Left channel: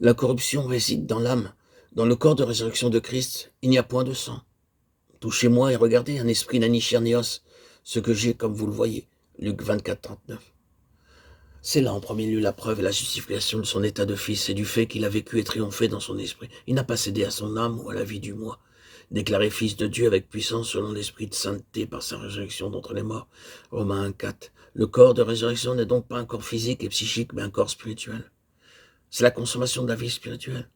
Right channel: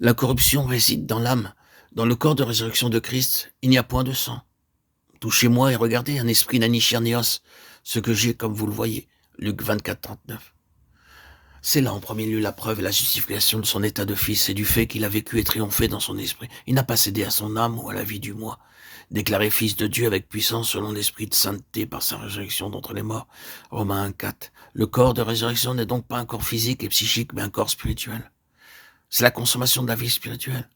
La corruption réside dans l'âme. Dans le corps de résurrection de Christ, il n'y a point de sang. Touchez-moi et regardez, un esprit n'a ni chair ni os, ce que j'ai comme vous le voyez. Luc 24, 39. C'est là en premier lieu la preuve et la justification de son état de fils et du fait qu'il a vécu et triomphé dans son esprit. Il n'a pas cédé à son âme ou à la vie du moi. Déclaré fils de Dieu avec puissance selon l'esprit de sainteté par sa résurrection d'entre les morts. Romains 1, 4. Le corps de résurrection n'est donc pas un corps physique et psychique, mais un corps spirituel. C'est la consommation de la vie spirituelle.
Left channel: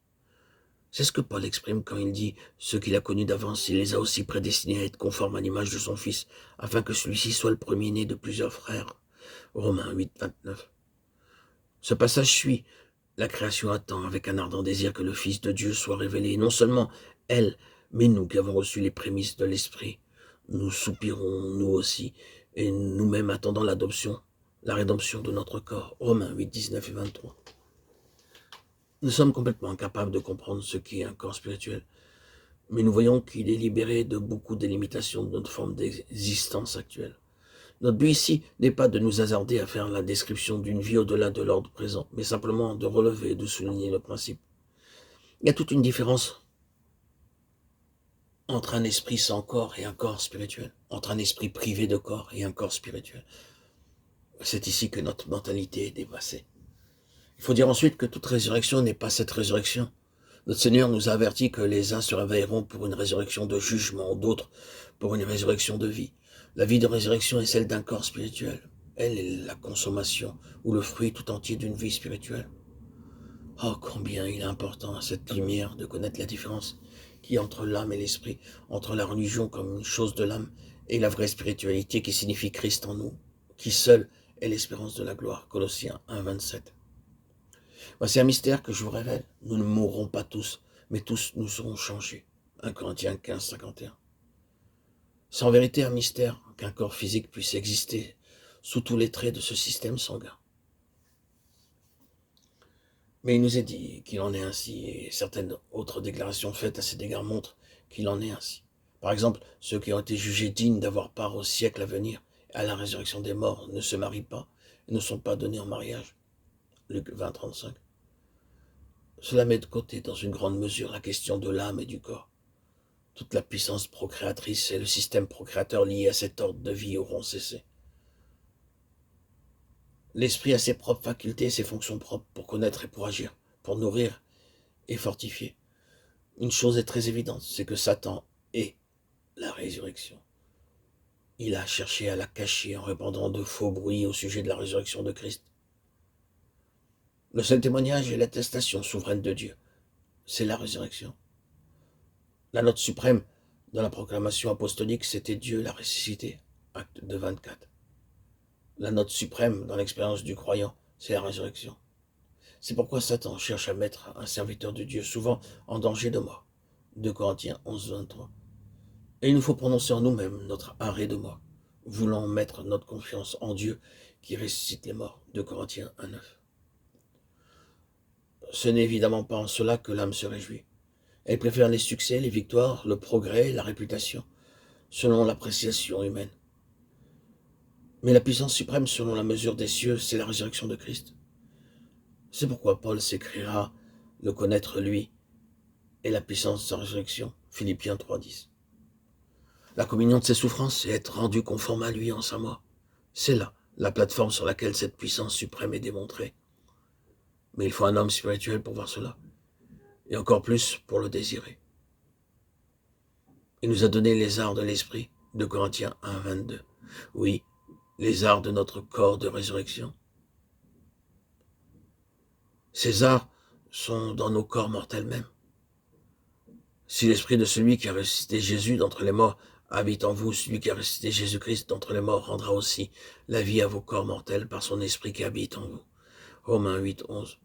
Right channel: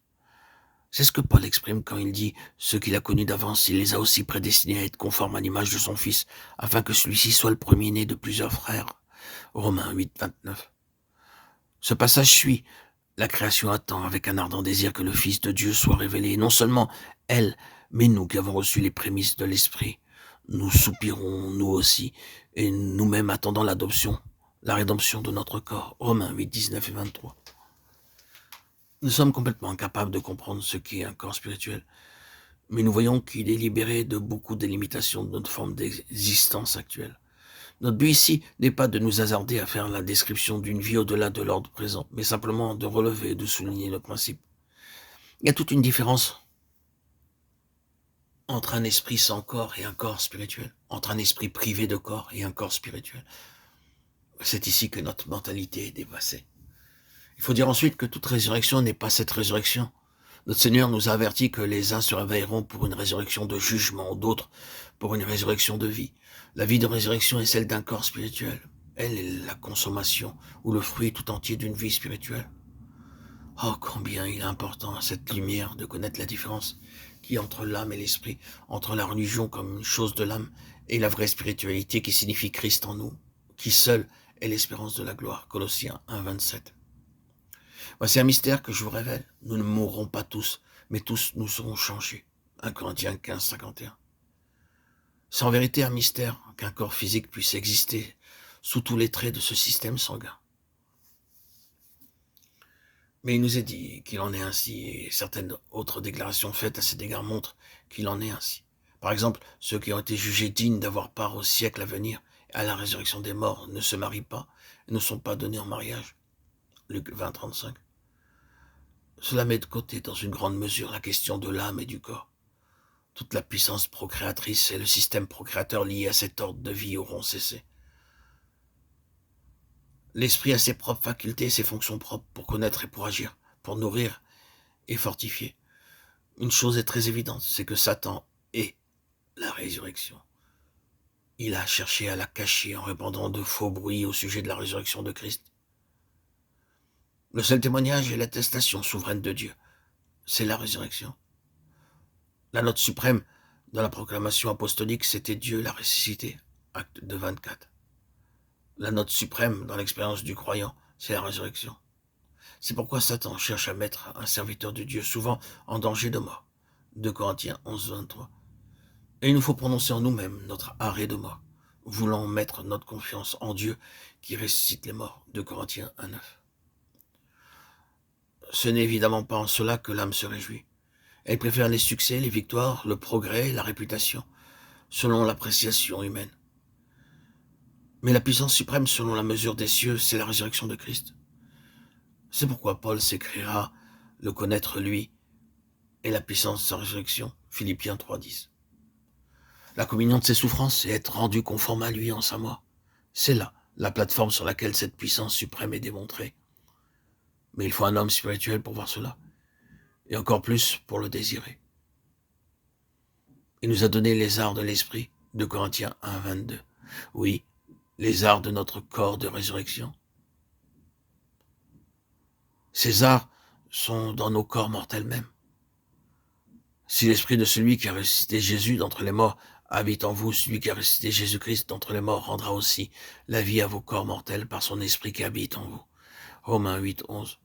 C'est ce que Paul exprime quand il dit « Ceux qu'il a connus d'avance, il les a aussi prédestinés à être conformes à l'image de son Fils, afin que celui-ci soit le premier-né de plusieurs frères. » Romains 8, 29. Ce passage suit. La création attend avec un ardent désir que le Fils de Dieu soit révélé. Et non seulement elle, mais nous qui avons reçu les prémices de l'Esprit. Nous soupirons, nous aussi, et nous-mêmes attendons l'adoption, la rédemption de notre corps. Romains 8, 19 et 23. Nous sommes complètement incapables de comprendre ce qu'est un corps spirituel, mais nous voyons qu'il est libéré de beaucoup des limitations de notre forme d'existence actuelle. Notre but ici n'est pas de nous hasarder à faire la description d'une vie au-delà de l'ordre présent, mais simplement de relever et de souligner le principe. Il y a toute une différence entre un esprit sans corps et un corps spirituel, entre un esprit privé de corps et un corps spirituel. C'est ici que notre mentalité est dépassée. Il faut dire ensuite que toute résurrection n'est pas cette résurrection. Notre Seigneur nous a averti que les uns se réveilleront pour une résurrection de jugement, d'autres pour une résurrection de vie. La vie de résurrection est celle d'un corps spirituel. Elle est la consommation ou le fruit tout entier d'une vie spirituelle. Oh, combien il est important à cette lumière de connaître la différence qu'il y a entre l'âme et l'esprit, entre la religion comme une chose de l'âme et la vraie spiritualité qui signifie Christ en nous, qui seul est l'espérance de la gloire. Colossiens 1, 27. Voici un mystère que je vous révèle. Nous ne mourrons pas tous, mais tous nous serons changés. 1 Corinthiens 15, 51. C'est en vérité un mystère qu'un corps physique puisse exister sous tous les traits de ce système sanguin. Mais il nous est dit qu'il en est ainsi, et certaines autres déclarations faites à cet égard montrent qu'il en est ainsi. Par exemple, ceux qui ont été jugés dignes d'avoir part au siècle à venir et à la résurrection des morts ne se marient pas et ne sont pas donnés en mariage. Luc 20, 35. Cela met de côté dans une grande mesure la question de l'âme et du corps. Toute la puissance procréatrice et le système procréateur lié à cet ordre de vie auront cessé. L'esprit a ses propres facultés et ses fonctions propres pour connaître et pour agir, pour nourrir et fortifier. Une chose est très évidente, c'est que Satan est la résurrection. Il a cherché à la cacher en répandant de faux bruits au sujet de la résurrection de Christ. Le seul témoignage est l'attestation souveraine de Dieu. C'est la résurrection. La note suprême dans la proclamation apostolique, c'était Dieu l'a ressuscité. Acte 2, 24. La note suprême dans l'expérience du croyant, c'est la résurrection. C'est pourquoi Satan cherche à mettre un serviteur de Dieu souvent en danger de mort. 2 Corinthiens 11, 23. Et il nous faut prononcer en nous-mêmes notre arrêt de mort, voulant mettre notre confiance en Dieu qui ressuscite les morts. 2 Corinthiens 1, 9. Ce n'est évidemment pas en cela que l'âme se réjouit. Elle préfère les succès, les victoires, le progrès, la réputation, selon l'appréciation humaine. Mais la puissance suprême selon la mesure des cieux, c'est la résurrection de Christ. C'est pourquoi Paul s'écrira « le connaître lui et la puissance de sa résurrection » Philippiens 3, 10. La communion de ses souffrances et être rendu conforme à lui en sa mort. C'est là la plateforme sur laquelle cette puissance suprême est démontrée. Mais il faut un homme spirituel pour voir cela, et encore plus pour le désirer. Il nous a donné les arts de l'esprit, 2 Corinthiens 1, 22. Oui, les arts de notre corps de résurrection. Ces arts sont dans nos corps mortels mêmes. Si l'esprit de celui qui a ressuscité Jésus d'entre les morts habite en vous, celui qui a ressuscité Jésus-Christ d'entre les morts rendra aussi la vie à vos corps mortels par son esprit qui habite en vous. Romains 8, 11.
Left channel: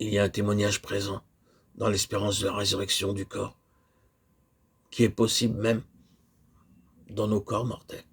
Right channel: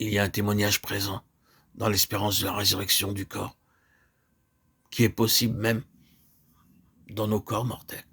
Il y a un témoignage présent dans l'espérance de la résurrection du corps, qui est possible même dans nos corps mortels.